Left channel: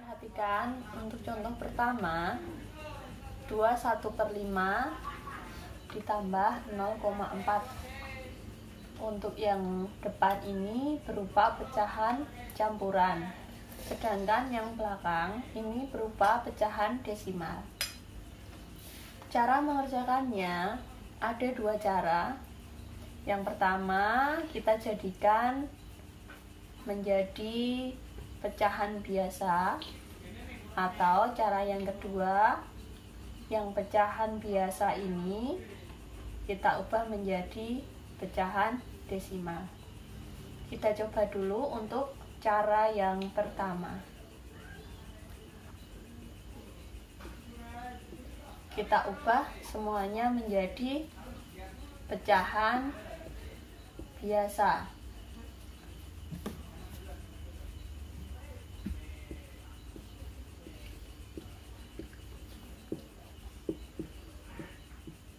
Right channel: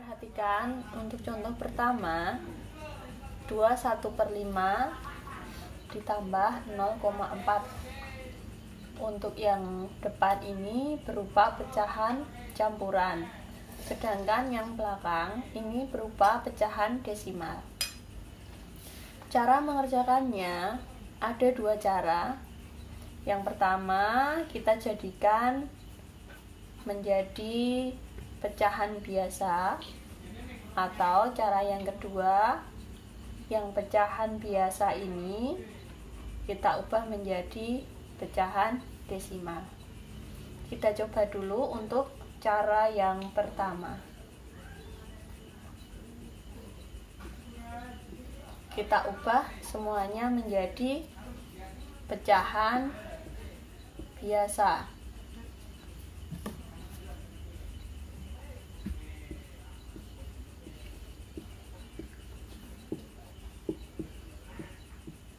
Perhatikan untuk contoh pertama 21/5 ditambah 0,4. Untuk yang depan ini berupa pecahan campuran, sedangkan yang belakang ini berupa pecahan desimal. Cara mengerjakannya ada dua cara. Yang pertama, kita jadikan menjadi pecahan biasa, atau cara yang kedua, yang pecahan biasa ini kita ubah menjadi pecahan desimal. Kita coba dulu untuk cara yang pertama. Kita ubah semuanya menjadi pecahan biasa.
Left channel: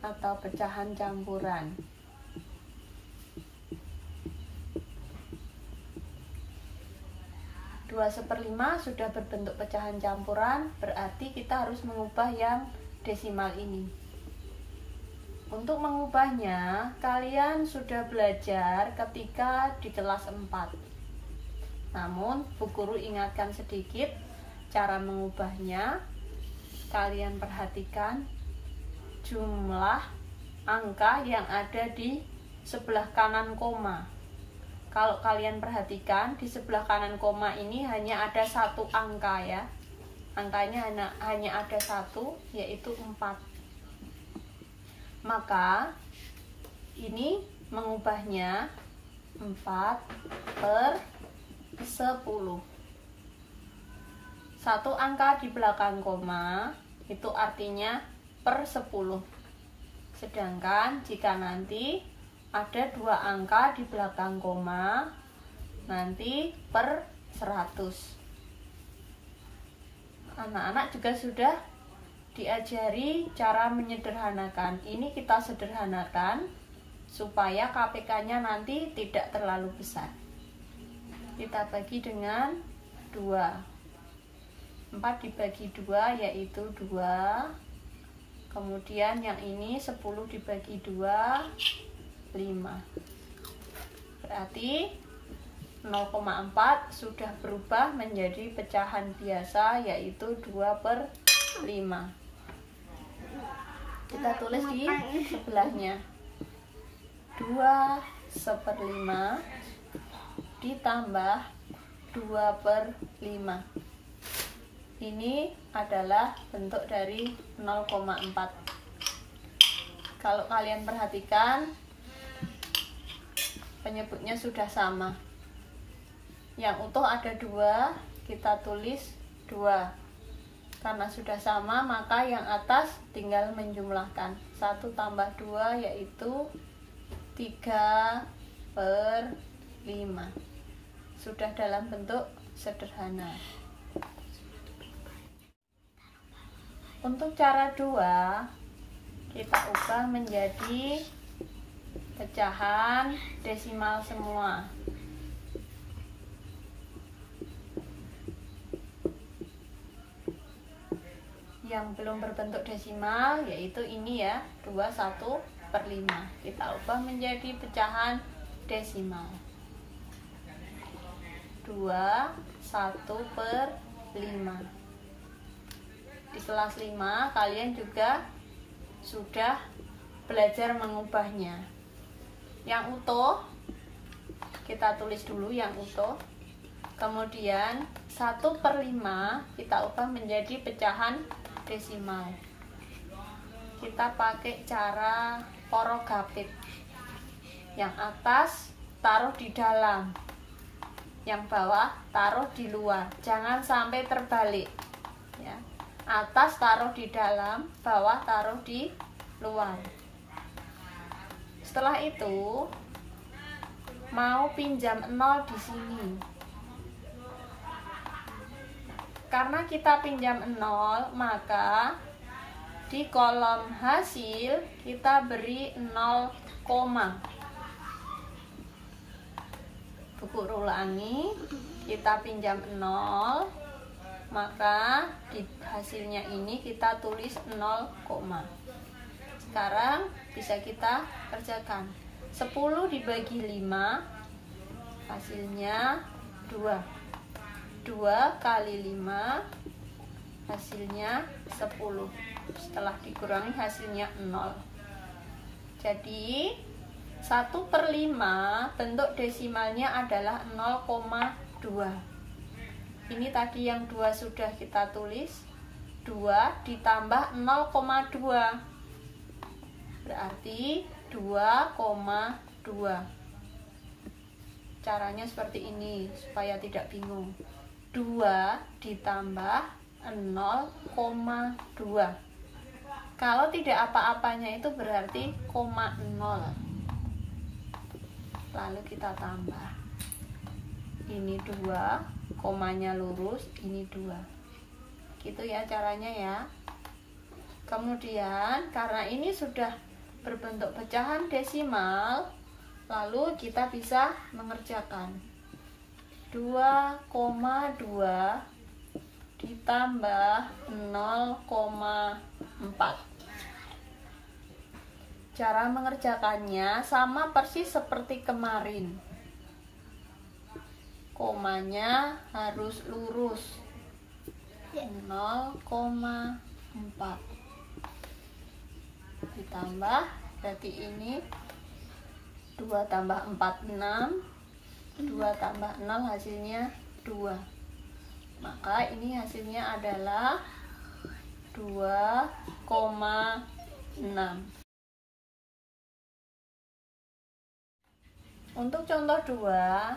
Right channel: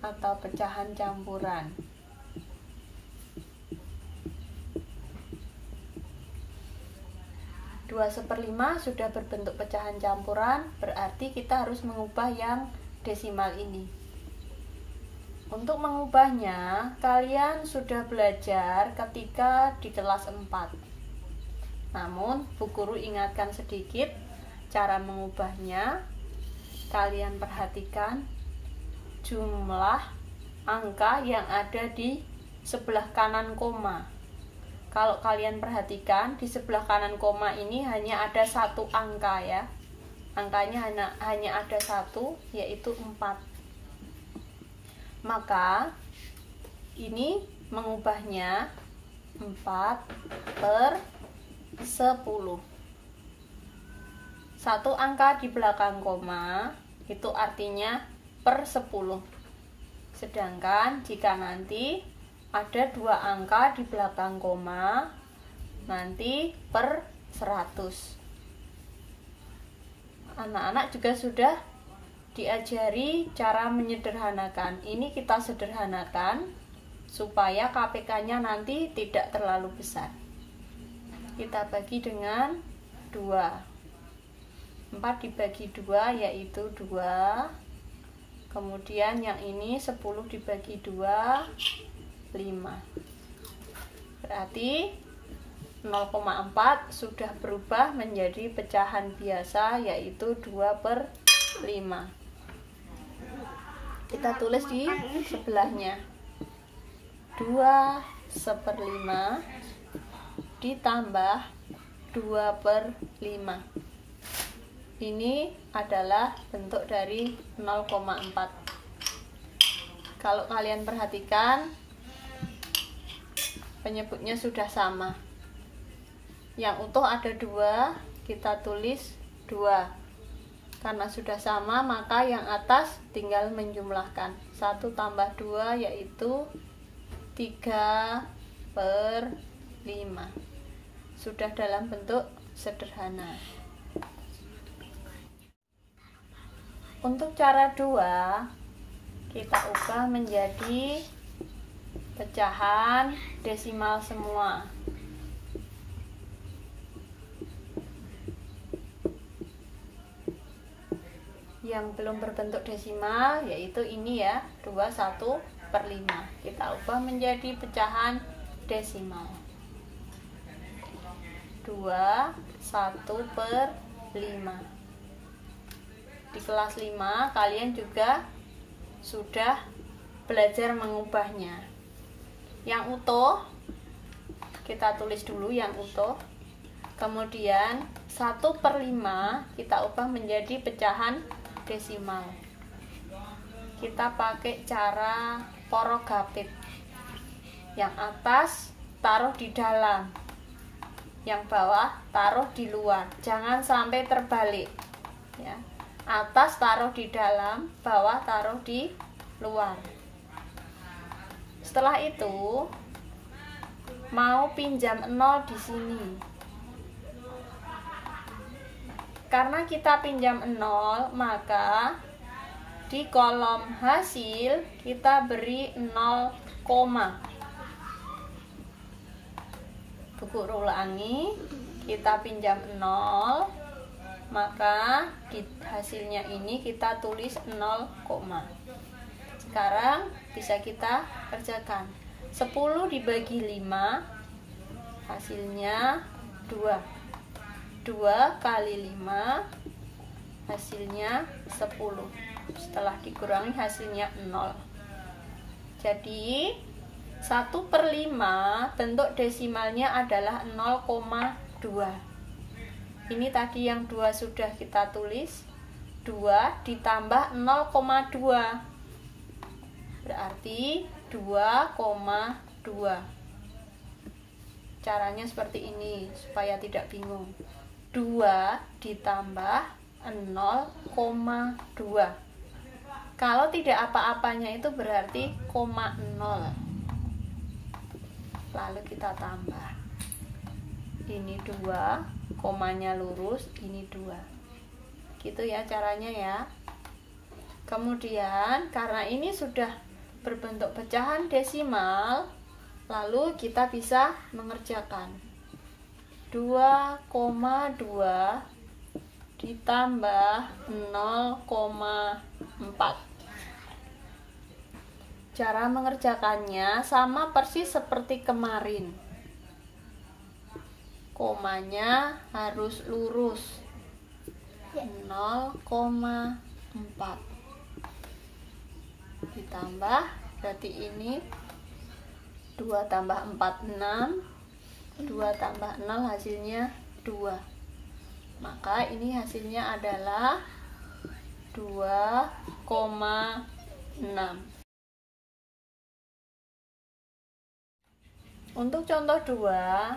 Atau pecahan campuran. Dua 1/5 sudah berbentuk pecahan campuran, berarti kita harus mengubah yang desimal ini. Untuk mengubahnya, kalian sudah belajar ketika di kelas 4. Namun, Bu Guru ingatkan sedikit cara mengubahnya. Kalian perhatikan jumlah angka yang ada di sebelah kanan koma. Kalau kalian perhatikan, di sebelah kanan koma ini hanya ada satu angka ya. Angkanya hanya ada satu, yaitu 4. Maka ini mengubahnya 4/10. Satu angka di belakang koma itu artinya per 10. Sedangkan jika nanti ada dua angka di belakang koma, nanti per 100. Anak-anak juga sudah diajari cara menyederhanakan. Ini kita sederhanakan supaya KPK-nya nanti tidak terlalu besar. Kita bagi dengan 2. 4 dibagi 2 yaitu 2. Kemudian yang ini 10 dibagi 2, 5. Berarti 0,4 sudah berubah menjadi pecahan biasa, yaitu 2/5. Kita tulis di sebelahnya. 2/5 ditambah 2/5. Ini adalah bentuk dari 0,4. Kalau kalian perhatikan, penyebutnya sudah sama. Yang utuh ada 2, kita tulis 2. Karena sudah sama, maka yang atas tinggal menjumlahkan. 1 tambah 2 yaitu 3/5. Sudah dalam bentuk sederhana. Untuk cara 2, kita ubah menjadi pecahan desimal semua. Yang belum berbentuk desimal yaitu ini ya, 21/5. Kita ubah menjadi pecahan desimal. 21/5. Di kelas 5 kalian juga sudah belajar mengubahnya. Yang utuh kita tulis dulu yang utuh. Kemudian 1/5 kita ubah menjadi pecahan desimal. Kita pakai cara porogatif. Yang atas taruh di dalam, yang bawah taruh di luar. Jangan sampai terbalik ya. Atas taruh di dalam, bawah taruh di luar. Setelah itu mau pinjam 0 di sini. Karena kita pinjam 0, maka di kolom hasil kita beri 0, Bu Guru ulangi, kita pinjam 0, maka di hasilnya ini kita tulis 0, sekarang bisa kita kerjakan. 10 dibagi 5 hasilnya 2. 2 kali 5 hasilnya 10. Setelah dikurangi hasilnya 0. Jadi 1/5 bentuk desimalnya adalah 0,2. Ini tadi yang 2 sudah kita tulis. 2 ditambah 0,2 berarti 2,2. Caranya seperti ini supaya tidak bingung. 2 ditambah 0,2. Kalau tidak apa-apanya itu berarti 0. Lalu kita tambah. Ini 2, komanya lurus, ini 2. Gitu ya caranya ya. Kemudian karena ini sudah berbentuk pecahan desimal, lalu kita bisa mengerjakan 2,2 ditambah 0,4. Cara mengerjakannya sama persis seperti kemarin. Komanya harus lurus. 0,4 ditambah, berarti ini 2 tambah 4, 6. 2 tambah 0 hasilnya 2. Maka ini hasilnya adalah 2,6. Untuk contoh 2,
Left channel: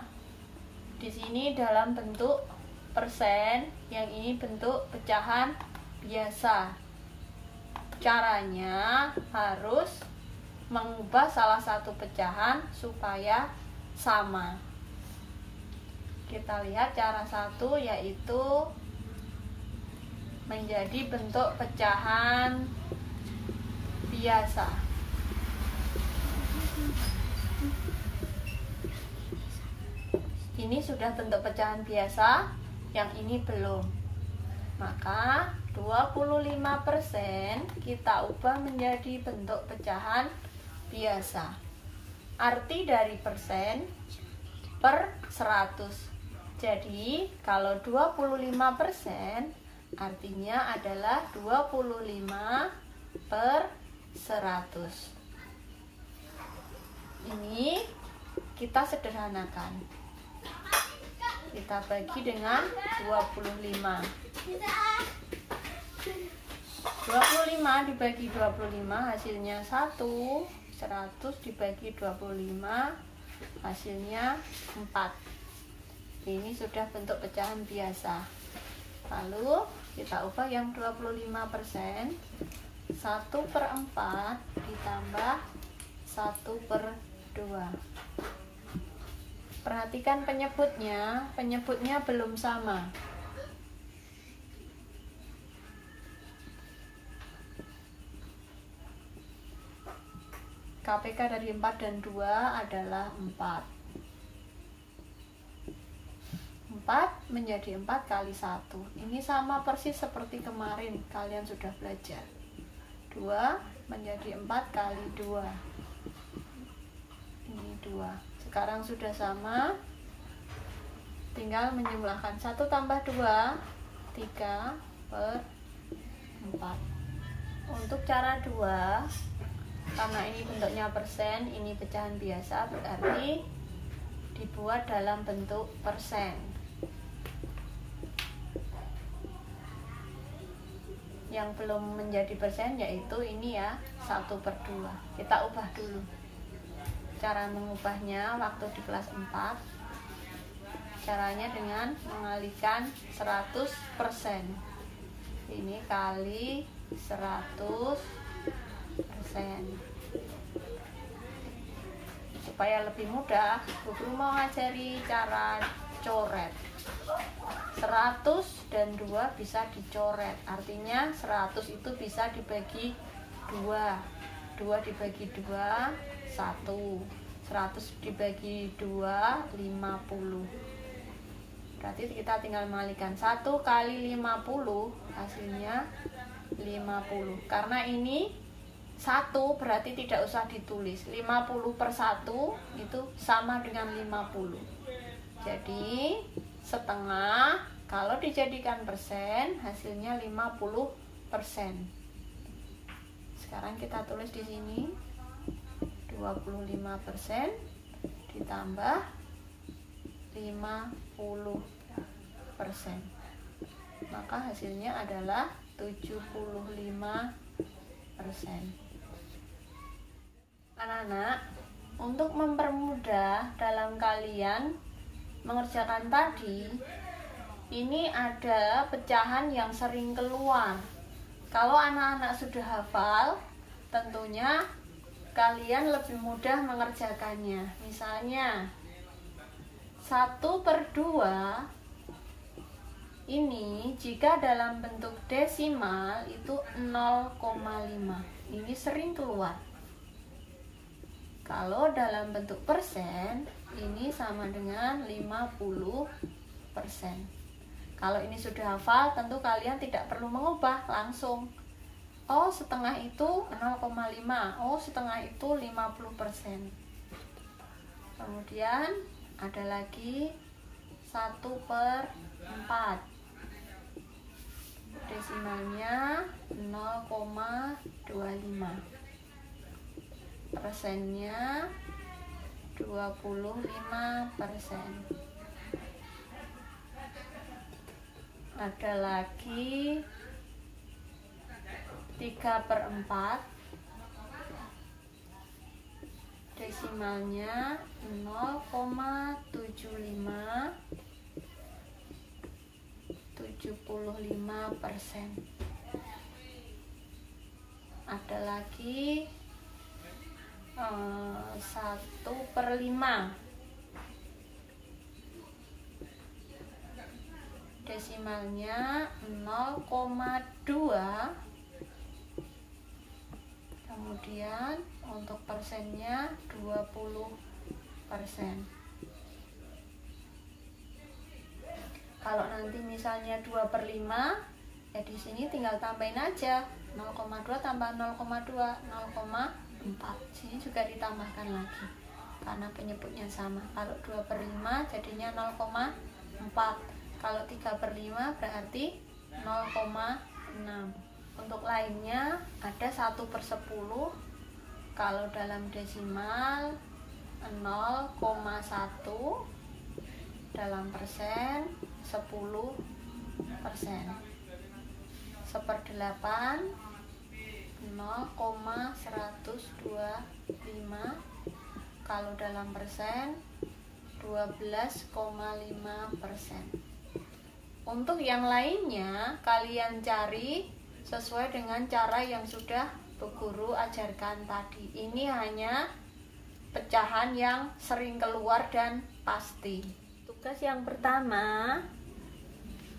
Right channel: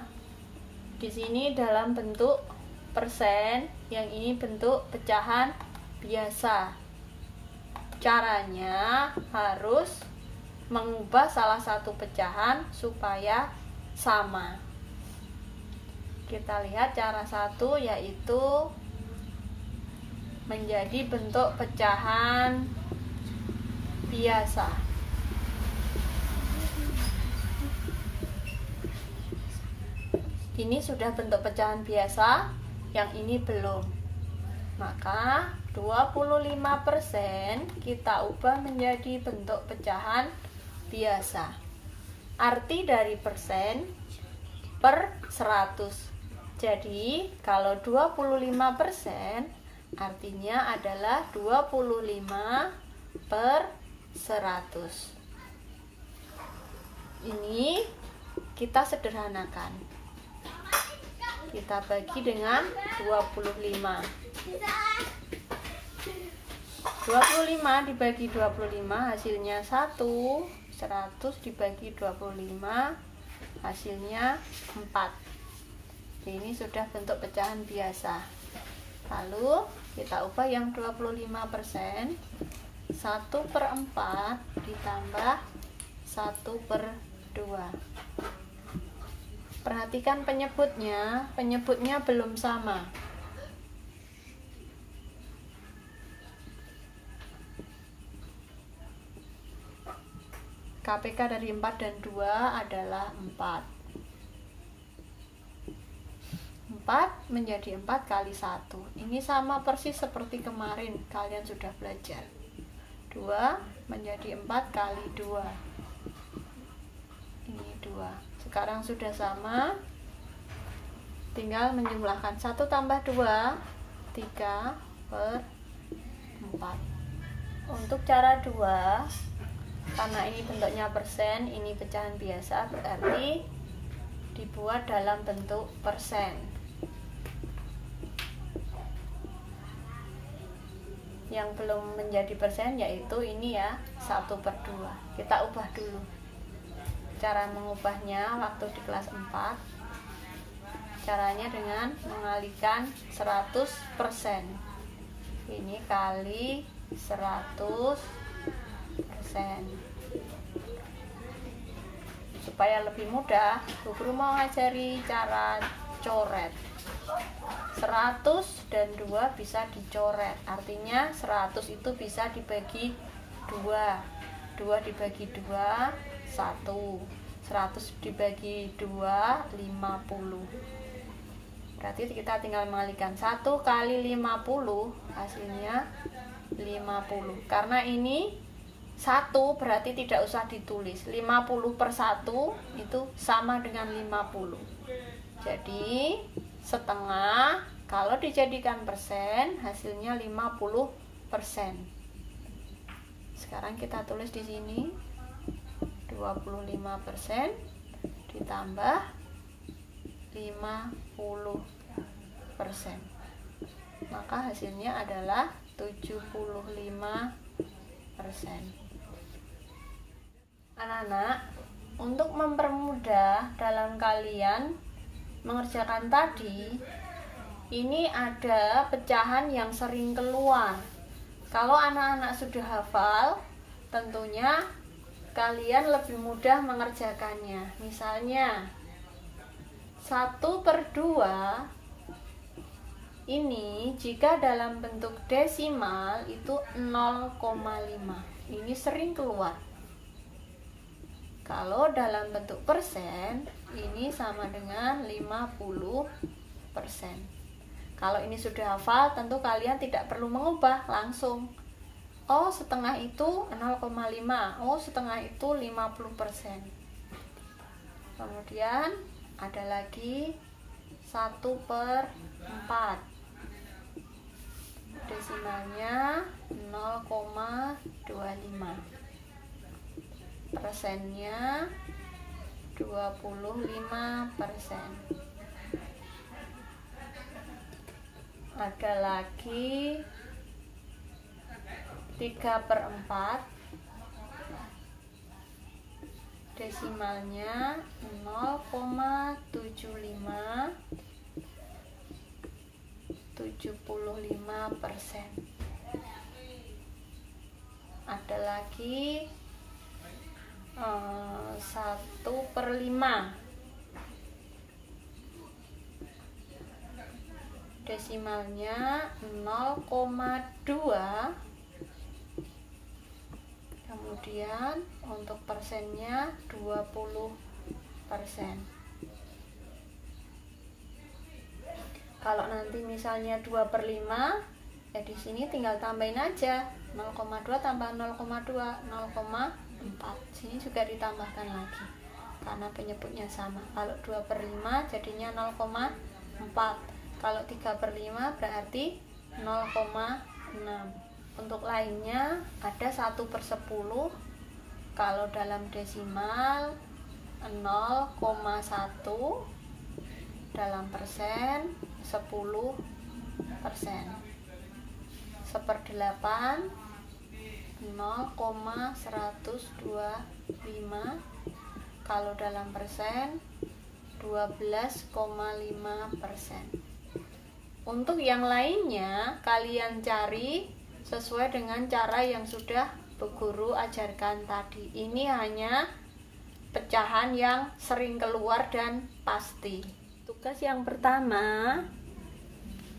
di sini dalam bentuk persen, yang ini bentuk pecahan biasa. Caranya harus mengubah salah satu pecahan supaya sama. Kita lihat cara satu, yaitu menjadi bentuk pecahan biasa. Ini sudah bentuk pecahan biasa, yang ini belum. Maka 25% kita ubah menjadi bentuk pecahan biasa. Arti dari persen per 100. Jadi kalau 25% artinya adalah 25 per 100. Ini kita sederhanakan. Kita bagi dengan 25. 25 dibagi 25 hasilnya 1. 100 dibagi 25 hasilnya 4. Ini sudah bentuk pecahan biasa. Lalu kita ubah yang 25%. 1/4 ditambah 1/2. Perhatikan penyebutnya belum sama. KPK dari 4 dan 2 adalah 4. 4 menjadi 4 kali 1. Ini sama persis seperti kemarin, kalian sudah belajar. 2 menjadi 4 kali 2. Ini 2. Sekarang sudah sama, tinggal menjumlahkan 1 tambah 2, 3/4. Untuk cara 2, karena ini bentuknya persen, ini pecahan biasa, berarti dibuat dalam bentuk persen. Yang belum menjadi persen yaitu ini ya, 1/2. Kita ubah dulu. Cara mengubahnya waktu di kelas 4, caranya dengan mengalihkan 100%. Ini kali 100%. Supaya lebih mudah, guru mau ngajari cara coret. 100 dan 2 bisa dicoret. Artinya 100 itu bisa dibagi 2. 2 dibagi 2, 1. 100 dibagi 2, 50. Berarti kita tinggal mengalikan 1 kali 50 hasilnya 50. Karena ini 1 berarti tidak usah ditulis. 50 per 1 itu sama dengan 50. Jadi setengah kalau dijadikan persen hasilnya 50%. Sekarang kita tulis di sini 25% ditambah 50%. Maka hasilnya adalah 75%. Anak-anak, untuk mempermudah dalam kalian mengerjakan tadi, ini ada pecahan yang sering keluar. Kalau anak-anak sudah hafal, tentunya kalian lebih mudah mengerjakannya. Misalnya 1/2 ini jika dalam bentuk desimal itu 0,5. Ini sering keluar. Kalau dalam bentuk persen ini sama dengan 50%. Kalau ini sudah hafal, tentu kalian tidak perlu mengubah, langsung. Oh, setengah itu 0,5. Oh, setengah itu 50%. Kemudian ada lagi 1/4. Desimalnya 0,25. Persennya 25%. Ada lagi 3/4. Desimalnya 0,75. 75%. Ada lagi 1/5. Desimalnya 0,2. Kemudian untuk persennya 20%. Kalau nanti misalnya 2/5, ya di sini tinggal tambahin aja 0,2 tambah 0,2, 0,4. Sini juga ditambahkan lagi karena penyebutnya sama. Kalau 2/5 jadinya 0,4. Kalau 3/5 berarti 0,6. Untuk lainnya ada 1/10. Kalau dalam desimal 0,1. Dalam persen 10%. 1/8 0,125. Kalau dalam persen 12,5%. Untuk yang lainnya kalian cari sesuai dengan cara yang sudah Bu Guru ajarkan tadi. Ini hanya pecahan yang sering keluar dan pasti. Tugas yang pertama,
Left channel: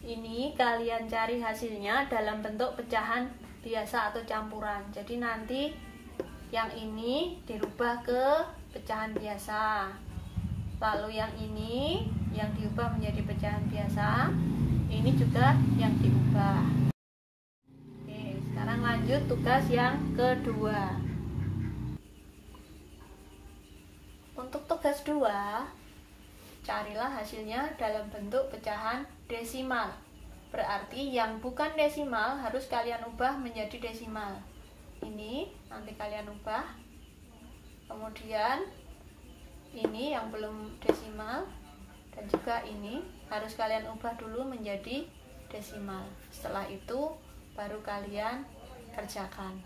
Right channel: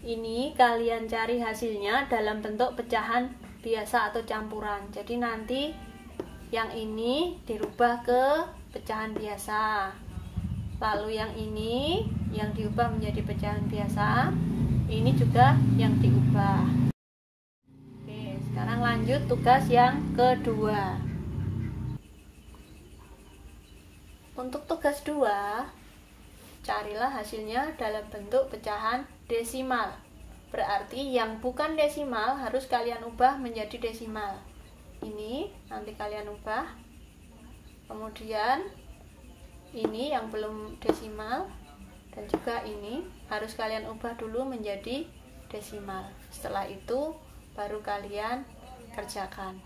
ini kalian cari hasilnya dalam bentuk pecahan biasa atau campuran. Jadi nanti yang ini dirubah ke pecahan biasa. Lalu yang ini yang diubah menjadi pecahan biasa. Ini juga yang diubah. Oke, sekarang lanjut tugas yang kedua. Untuk tugas 2, carilah hasilnya dalam bentuk pecahan desimal. Berarti yang bukan desimal harus kalian ubah menjadi desimal. Ini nanti kalian ubah. Kemudian ini yang belum desimal dan juga ini harus kalian ubah dulu menjadi desimal. Setelah itu baru kalian kerjakan.